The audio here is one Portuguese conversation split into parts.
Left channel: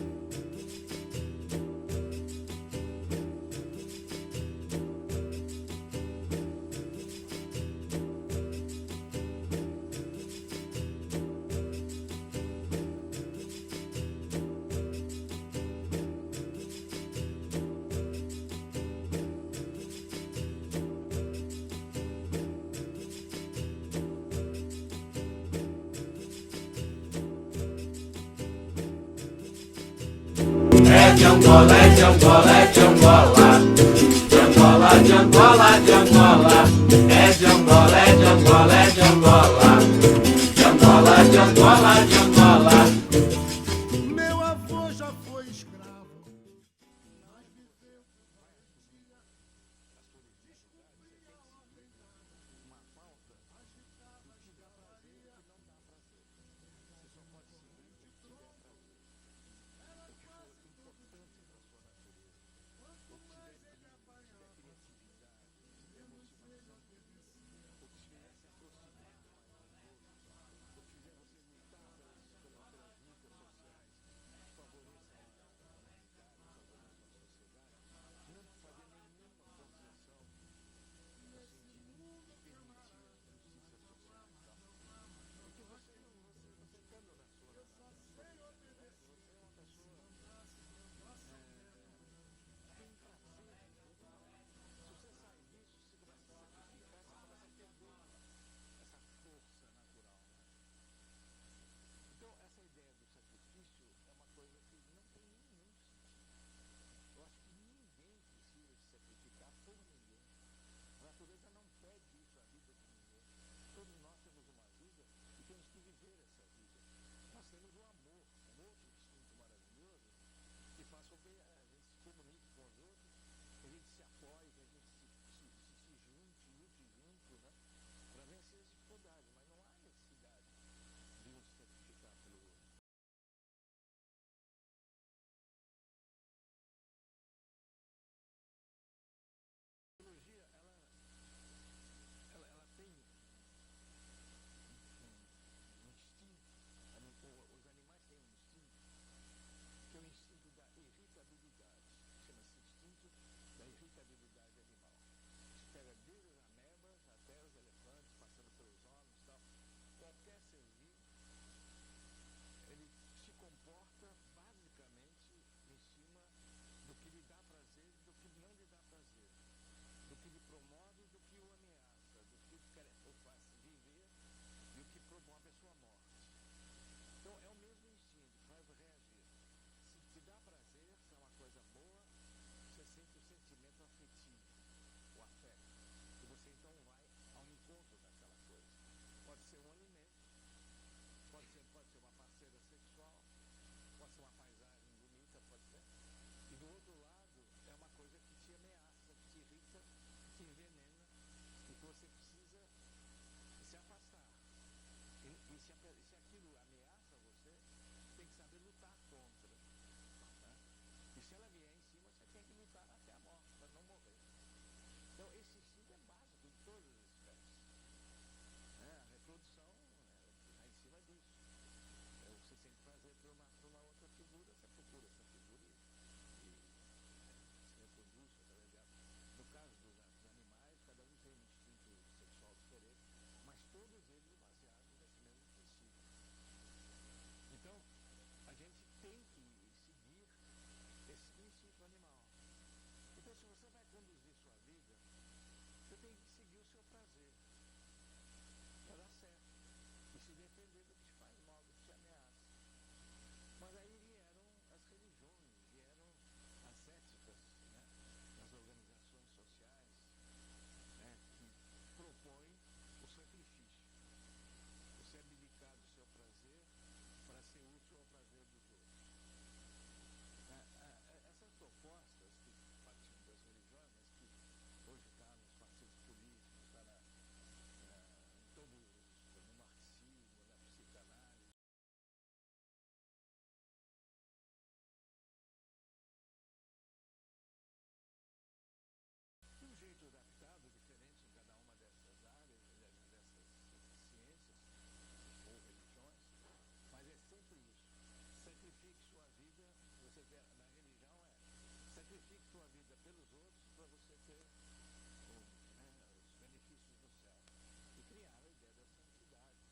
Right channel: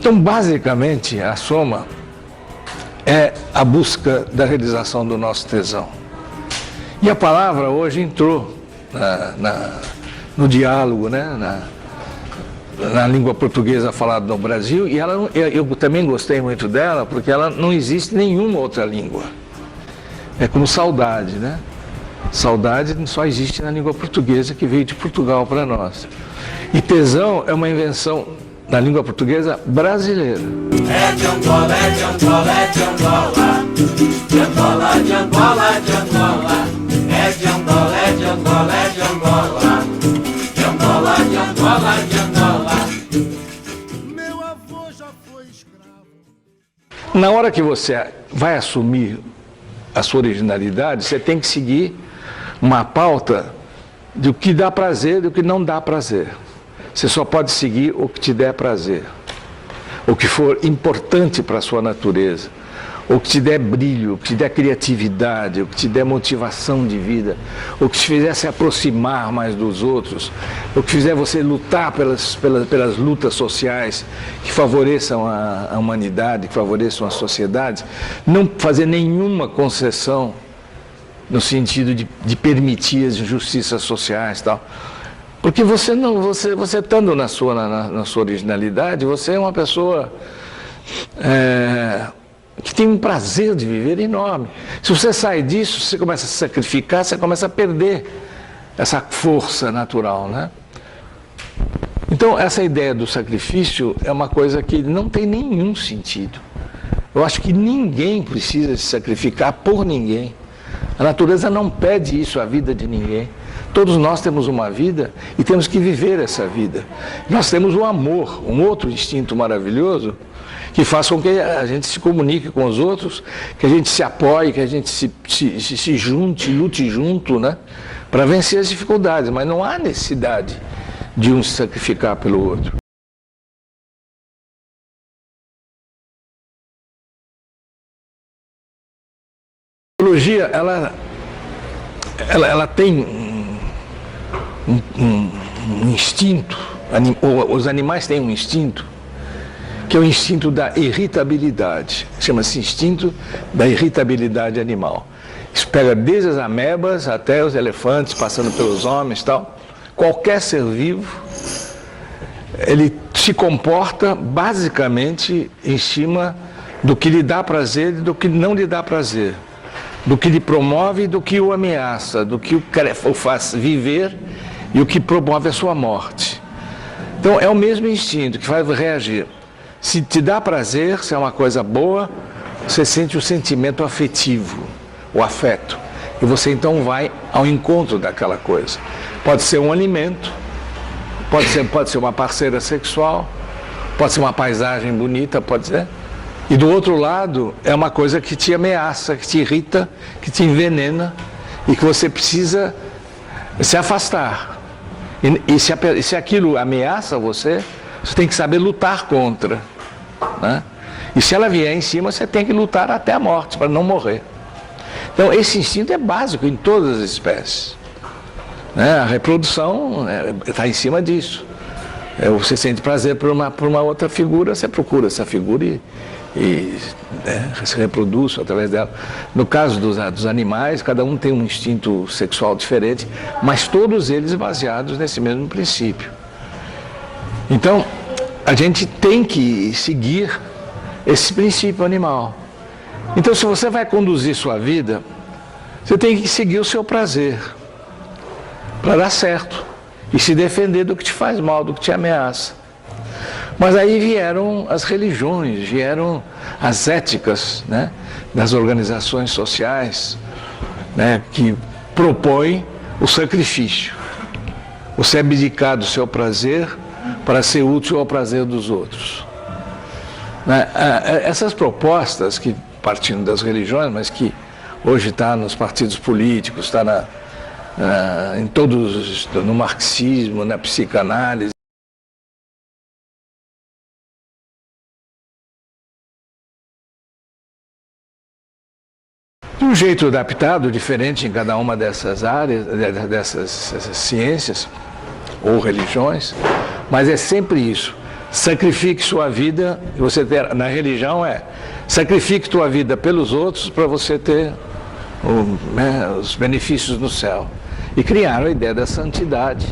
Então, basicamente, a soma é a busca da realização do nosso tesão. E a palavra hoje entrou no diálogo, né? Na língua portuguesa falada no Brasil, e eu também gostei muito dela, porque ela não existe em nenhuma outra língua. É como saudade, né? Saudade só existe na língua portuguesa, que veio de Portugal para nós. E tesão é uma invenção na língua portuguesa brasileira. É de Angola, é de Angola, é de Angola. De Angola, de Angola, de Angola. É de Angola, é de Angola, é de Angola. De Angola, de Angola, de Angola. Meu avô já foi escravo. Na hora que você vai assumir a sua originalidade, você tem que seguir uma pauta do que dá prazer e do que não dá prazer. Você só pode seguir o que te der prazer, o que for importante para a sua natureza, o que te der brilho, o que te der criatividade, o que te der motivação de vida, o que te fizer se aproximar mais dos outros, o que fizer você lutar pelas lutas sociais que favoreçam a humanidade, que favoreçam a sociedade, não fazer nenhuma concessão no sentido de permitir as injustiças sociais e tal. Porque você estando na sua originalidade, você é uma pessoa que tem um prazer de viver enorme. Se você sai disso, você começa a se sacrificar, você começa a perder essa força natural, né? Então, essa ideia do sacrifício é uma coisa que não tem nenhum sentido. Eu acho que ninguém precisa se sacrificar por ninguém. A natureza não pede isso à vida de ninguém. Todos nós temos uma vida e temos que viver essa vida. Nós temos o amor, um outro instinto maravilhoso, que faz com que a gente se comunique com os outros, que a gente se apoie, que a gente se junte, lute junto, né? Para vencer as dificuldades. Mas não há necessidade de um se sacrificar pelo outro. A biologia, ela tem um instinto, os animais têm um instinto, que é o instinto da irritabilidade. Chama-se instinto da irritabilidade animal. Isso pega desde as amebas até os elefantes, passando pelos homens e tal. Qualquer ser vivo, ele se comporta basicamente em cima do que lhe dá prazer e do que não lhe dá prazer. Do que lhe promove e do que o ameaça, do que o faz viver e o que promove a sua morte. Então, é o mesmo instinto que faz reagir. Se te dá prazer, se é uma coisa boa, você sente o sentimento afetivo, o afeto. E você, então, vai ao encontro daquela coisa. Pode ser um alimento, pode ser uma parceira sexual, pode ser uma paisagem bonita, pode ser. E do outro lado, é uma coisa que te ameaça, que te irrita, que te envenena e que você precisa se afastar. E se aquilo ameaça você, você tem que saber lutar contra, né? E se ela vier em cima, você tem que lutar até a morte, para não morrer. Então, esse instinto é básico em todas as espécies, né? A reprodução está em cima disso. Você sente prazer por uma outra figura, você procura essa figura e se reproduz através dela. No caso dos animais, cada um tem um instinto sexual diferente, mas todos eles baseados nesse mesmo princípio. Então, a gente tem que seguir esse princípio animal. Então, se você vai conduzir sua vida, você tem que seguir o seu prazer para dar certo e se defender do que te faz mal, do que te ameaça. Mas aí vieram as religiões, vieram as éticas, né, das organizações sociais, né, que propõem o sacrifício. Você abdicar do seu prazer para ser útil ao prazer dos outros. Né? Essas propostas, que partindo das religiões, mas que hoje está nos partidos políticos, está em todos, no marxismo, na psicanálise, de um jeito adaptado, diferente em cada uma dessas áreas, dessas ciências ou religiões, mas é sempre isso. sacrifique sua vida, você ter, na religião sacrifique tua vida pelos outros para você ter os benefícios no céu. E criaram a ideia da santidade,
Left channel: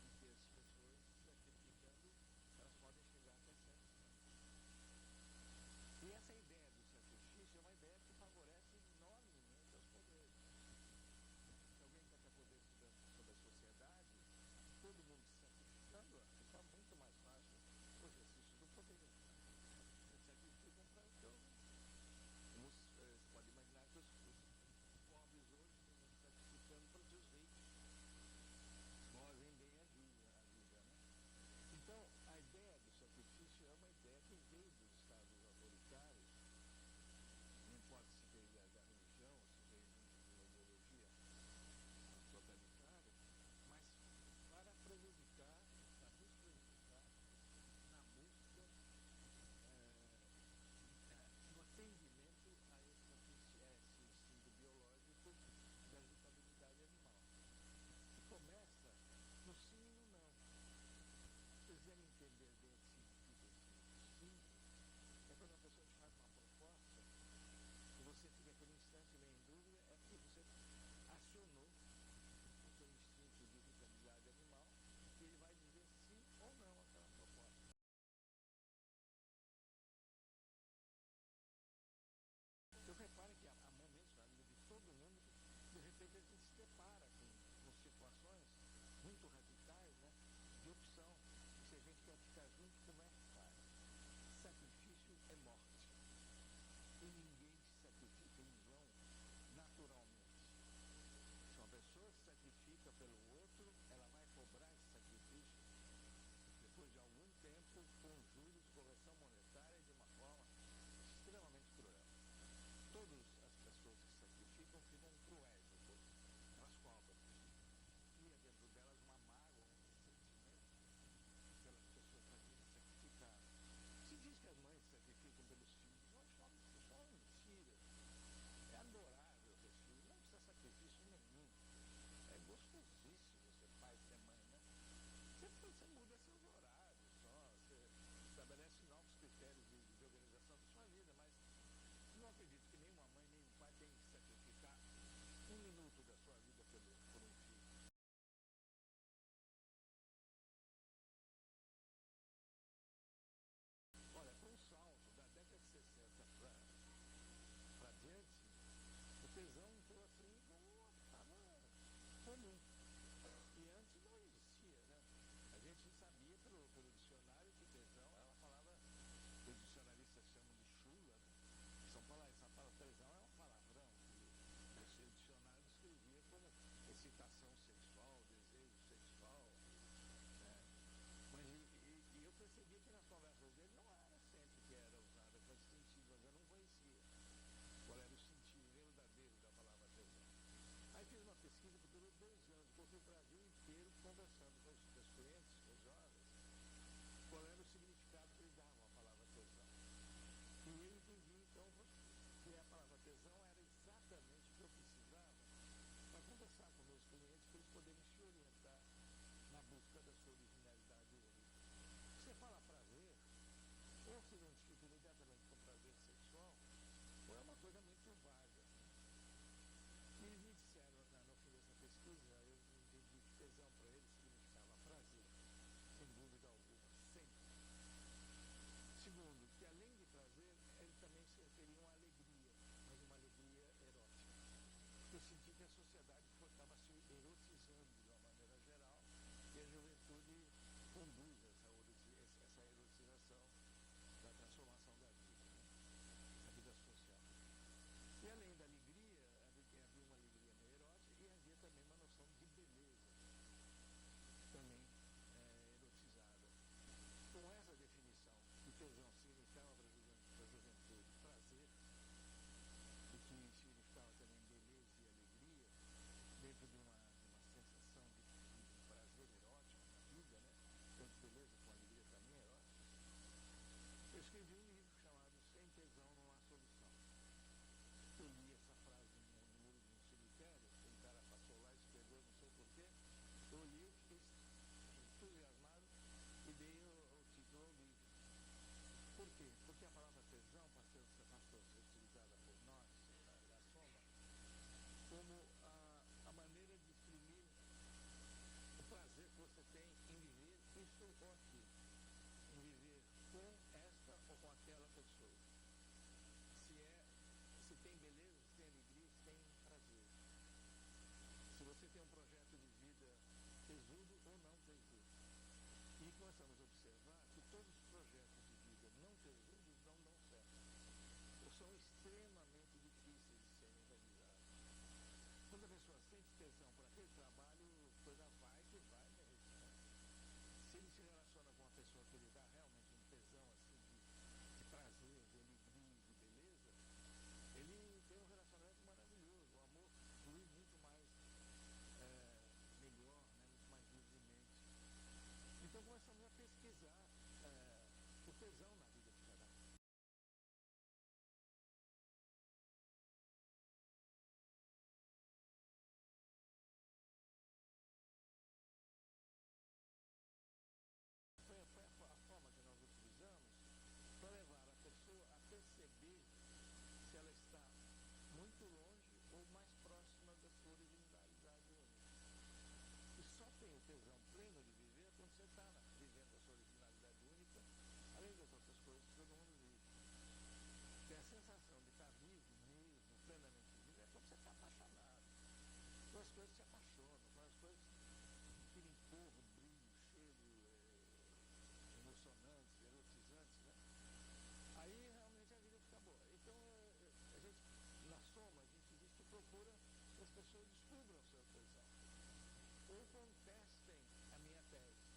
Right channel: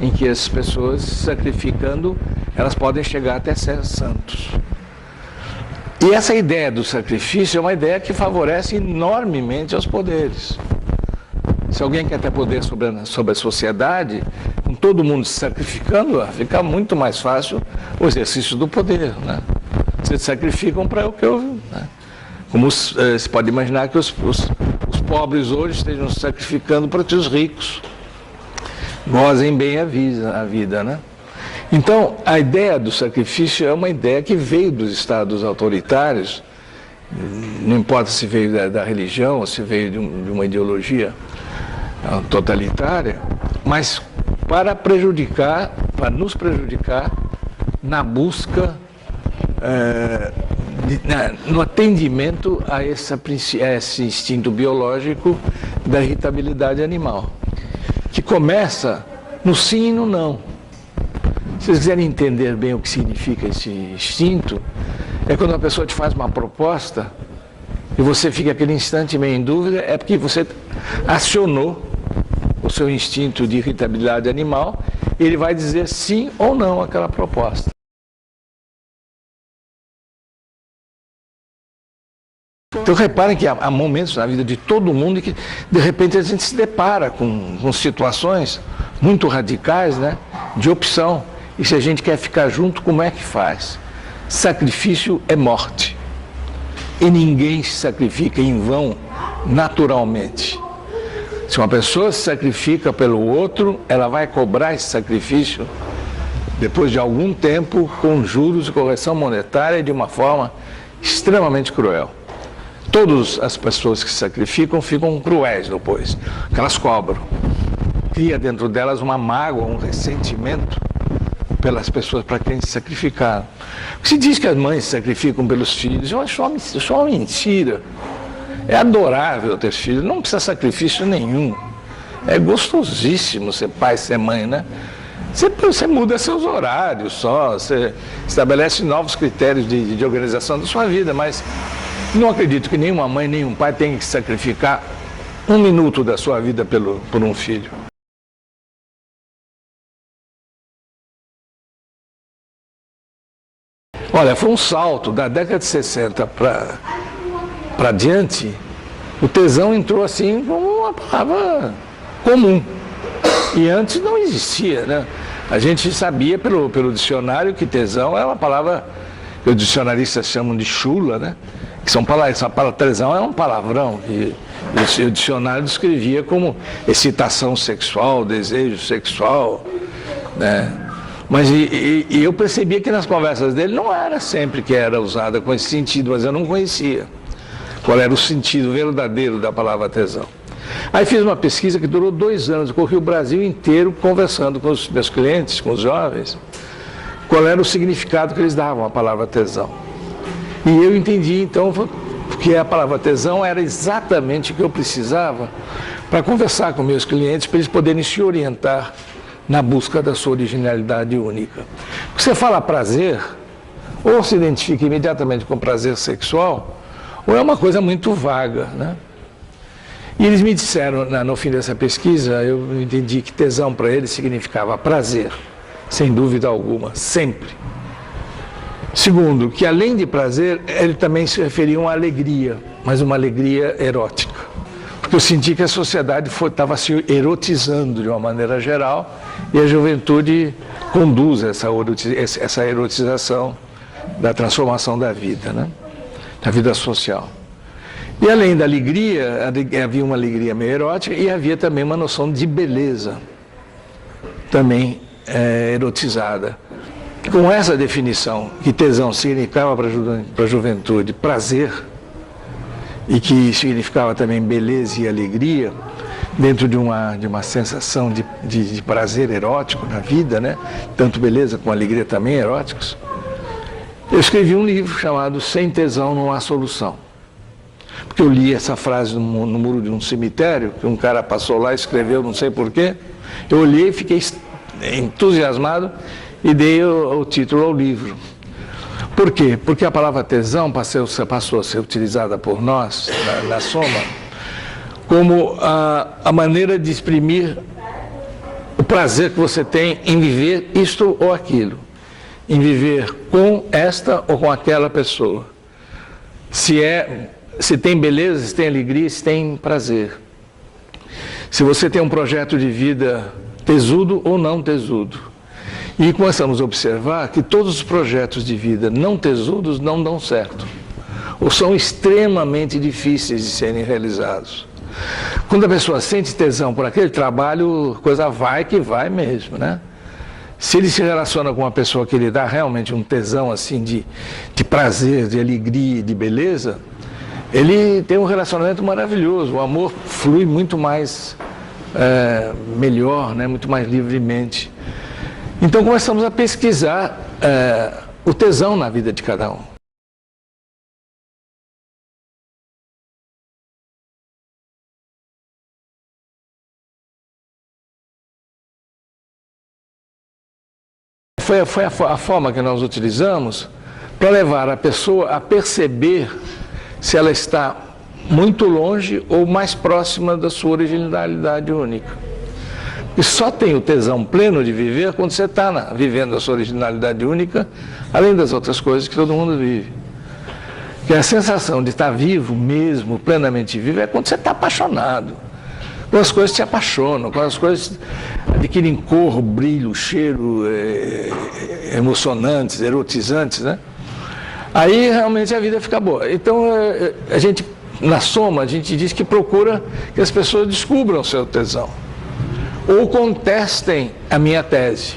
em que as pessoas sacrificando, elas podem chegar até ser santos. E essa ideia do sacrifício é uma ideia que favorece enormemente aos poderes. Se alguém quer ter poder sobre a sociedade, com todo mundo se sacrificando, fica muito mais fácil o exercício do poder, né? Vocês sacrificam para o que eu... Né? Como se pode imaginar que os pobres hoje estejam se sacrificando para que os ricos gozem bem a vida, né? Então, a ideia do sacrifício é uma ideia que veio dos estados autoritários, não importa se veio da religião ou se veio de uma ideologia totalitária, mas para nos prejudicar na busca, no atendimento a esse instinto biológico da irritabilidade animal, que começa no sim e no não. Se vocês quiserem entender bem o que significa esse instinto, é quando a pessoa te faz uma proposta e você fica aquele instante meio em dúvida, é porque você acionou o seu instinto de irritabilidade animal, e ele vai dizer sim ou não àquela proposta. Então reparem que há momentos na vida de todo mundo que de repente a gente se depara com situações muito radicais, né, de opção. E se a gente quer ficar junto, como é que faz? Sacrifício é morte. E ninguém se sacrifica em vão naturalmente. Se uma pessoa se sacrifica pelo outro, ela vai cobrar esse sacrifício depois de algum tempo com juros e correção monetária de uma forma extremamente cruel. Todas as pessoas que se sacrificam ficam cruéis depois, que elas cobram. Cria dentro delas uma mágoa, um ressentimento pelas pessoas para quem se sacrificaram. Se diz que as mães se sacrificam pelos filhos, eu acho uma mentira. É adorável ter filhos, não precisa sacrifício nenhum. É gostosíssimo ser pai, ser mãe, né? Você muda seus horários só, você estabelece novos critérios de organização da sua vida, mas não acredito que nenhuma mãe, nenhum pai tenha que sacrificar um minuto da sua vida por um filho. Olha, foi um salto da década de 60 para diante. O tesão entrou assim como uma palavra comum. E antes não existia, né? A gente sabia pelo dicionário que tesão é uma palavra que os dicionaristas chamam de chula, né? Que são palavras, essa palavra tesão é um palavrão que o dicionário descrevia como excitação sexual, desejo sexual, né? Mas eu percebia que nas conversas dele não era sempre que era usada com esse sentido, mas eu não conhecia qual era o sentido verdadeiro da palavra tesão. Aí fiz uma pesquisa que durou 2 anos, eu corri o Brasil inteiro conversando com os meus clientes, com os jovens, qual era o significado que eles davam à palavra tesão. E eu entendi então que a palavra tesão era exatamente o que eu precisava para conversar com meus clientes, para eles poderem se orientar na busca da sua originalidade única. Porque você fala prazer, ou se identifica imediatamente com prazer sexual, ou é uma coisa muito vaga, né? E eles me disseram, no fim dessa pesquisa, eu entendi que tesão para eles significava prazer, sem dúvida alguma, sempre. Segundo, que além de prazer, ele também se referia a uma alegria, mas uma alegria erótica. Porque eu senti que a sociedade estava se erotizando de uma maneira geral e a juventude conduz essa erotização da transformação da vida, né? Da vida social. E além da alegria, havia uma alegria meio erótica e havia também uma noção de beleza, também erotizada. Com essa definição, que tesão significava para a juventude prazer, e que significava também beleza e alegria, dentro de uma sensação de prazer erótico na vida, né? Tanto beleza como alegria também eróticos, eu escrevi um livro chamado Sem Tesão Não Há Solução. Porque eu li essa frase no muro de um cemitério, que um cara passou lá e escreveu, não sei porquê, eu olhei e fiquei entusiasmado e dei o título ao livro. Por quê? Porque a palavra tesão passou a ser utilizada por nós, na Soma, como a maneira de exprimir o prazer que você tem em viver isto ou aquilo, em viver com esta ou com aquela pessoa. Se tem beleza, se tem alegria, se tem prazer. Se você tem um projeto de vida tesudo ou não tesudo. E começamos a observar que todos os projetos de vida não tesudos não dão certo, ou são extremamente difíceis de serem realizados. Quando a pessoa sente tesão por aquele trabalho, a coisa vai que vai mesmo, né? Se ele se relaciona com uma pessoa que lhe dá realmente um tesão assim de prazer, de alegria, de beleza, ele tem um relacionamento maravilhoso, o amor flui muito mais melhor, né? Muito mais livremente. Então começamos a pesquisar o tesão na vida de cada um. Foi a forma que nós utilizamos para levar a pessoa a perceber se ela está muito longe ou mais próxima da sua originalidade única. E só tem o tesão pleno de viver quando você está vivendo a sua originalidade única, além das outras coisas que todo mundo vive. Que a sensação de estar vivo mesmo, plenamente vivo, é quando você está apaixonado. Quando as coisas te apaixonam, quando as coisas adquirem cor, brilho, cheiro, emocionantes, erotizantes, né? Aí realmente a vida fica boa. Então a gente, na Soma, a gente diz que procura que as pessoas descubram o seu tesão. Ou contestem a minha tese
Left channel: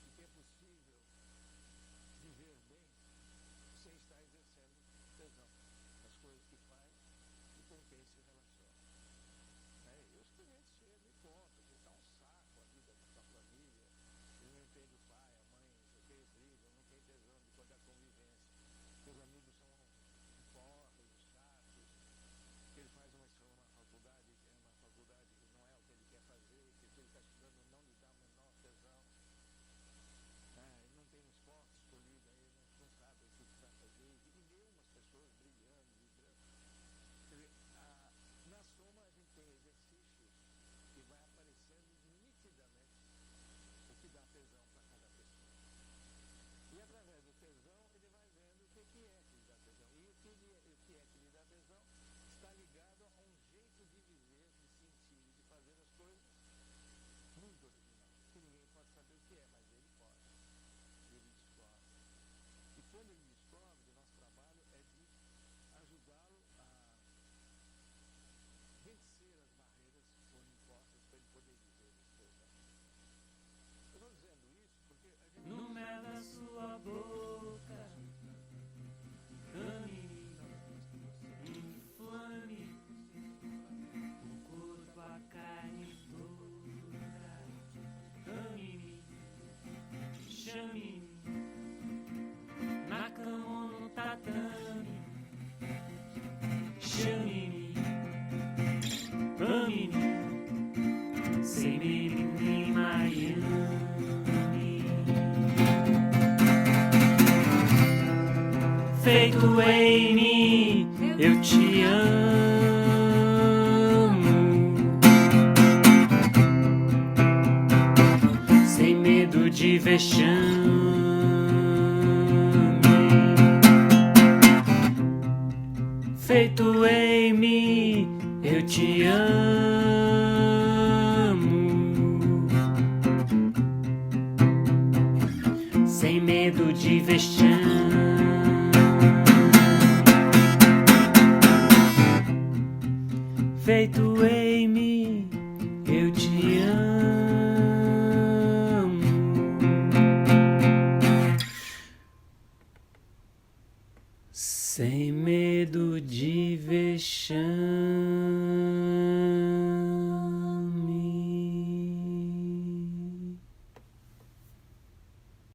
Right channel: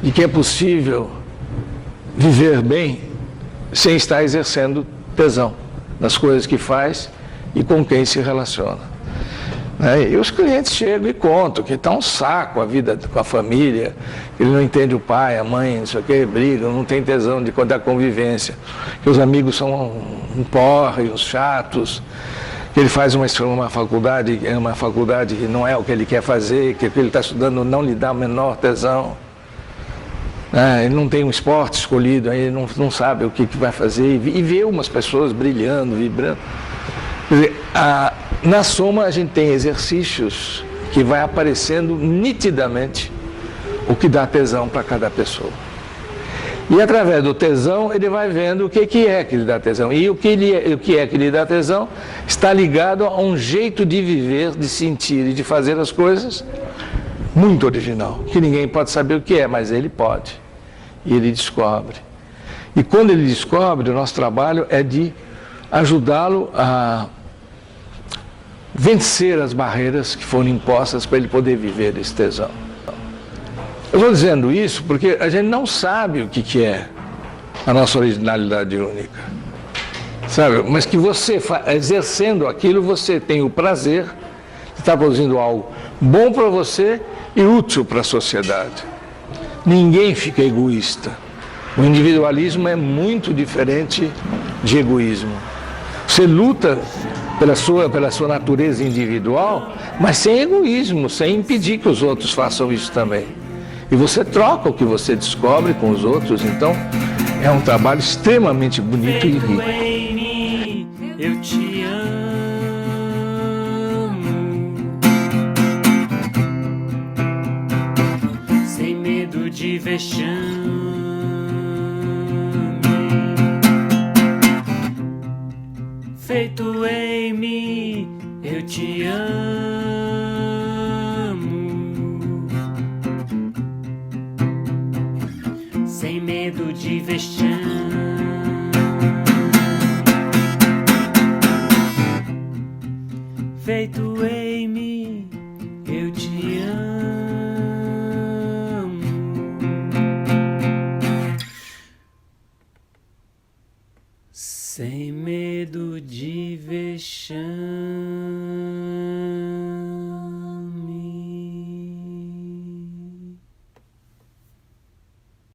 de que é possível viver bem sem estar exercendo tesão nas coisas que faz e com quem se relaciona. E os clientes chegam e contam que está um saco a vida com a família, ele não entende o pai, a mãe, não sei o que, brigam, não tem tesão de contar convivência, que os amigos são um porre, uns chatos, que ele faz uma faculdade que não é o que ele quer fazer, que o que ele está estudando não lhe dá o menor tesão. Ele não tem um esporte escolhido, aí ele não sabe o que vai fazer, e vê umas pessoas brilhando, vibrando. Quer dizer, na Soma a gente tem exercícios que vai aparecendo nitidamente o que dá tesão para cada pessoa. E através do tesão ele vai vendo o que é que lhe dá tesão. E o que é que lhe dá tesão está ligado a um jeito de viver, de sentir e de fazer as coisas muito original, que ninguém pode saber o que é, mas ele pode. E ele descobre. E quando ele descobre, o nosso trabalho é de ajudá-lo a vencer as barreiras que foram impostas para ele poder viver esse tesão. Eu estou dizendo isso porque a gente não sabe o que é a nossa originalidade única, sabe? Mas que você, exercendo aquilo, você tem o prazer de estar produzindo algo bom para você e útil para a sociedade. Ninguém fica egoísta. O individualismo é muito diferente de egoísmo. Você luta pela sua natureza individual, mas sem egoísmo, sem impedir que os outros façam isso também. E você troca o que você descobre com os outros, então é um trabalho extremamente bonito e rico. Feito em mim, eu te amo, sem medo de vexame. Feito em mim, eu te amo, sem medo de vexame. Feito em mim, eu te amo, sem medo de vexame.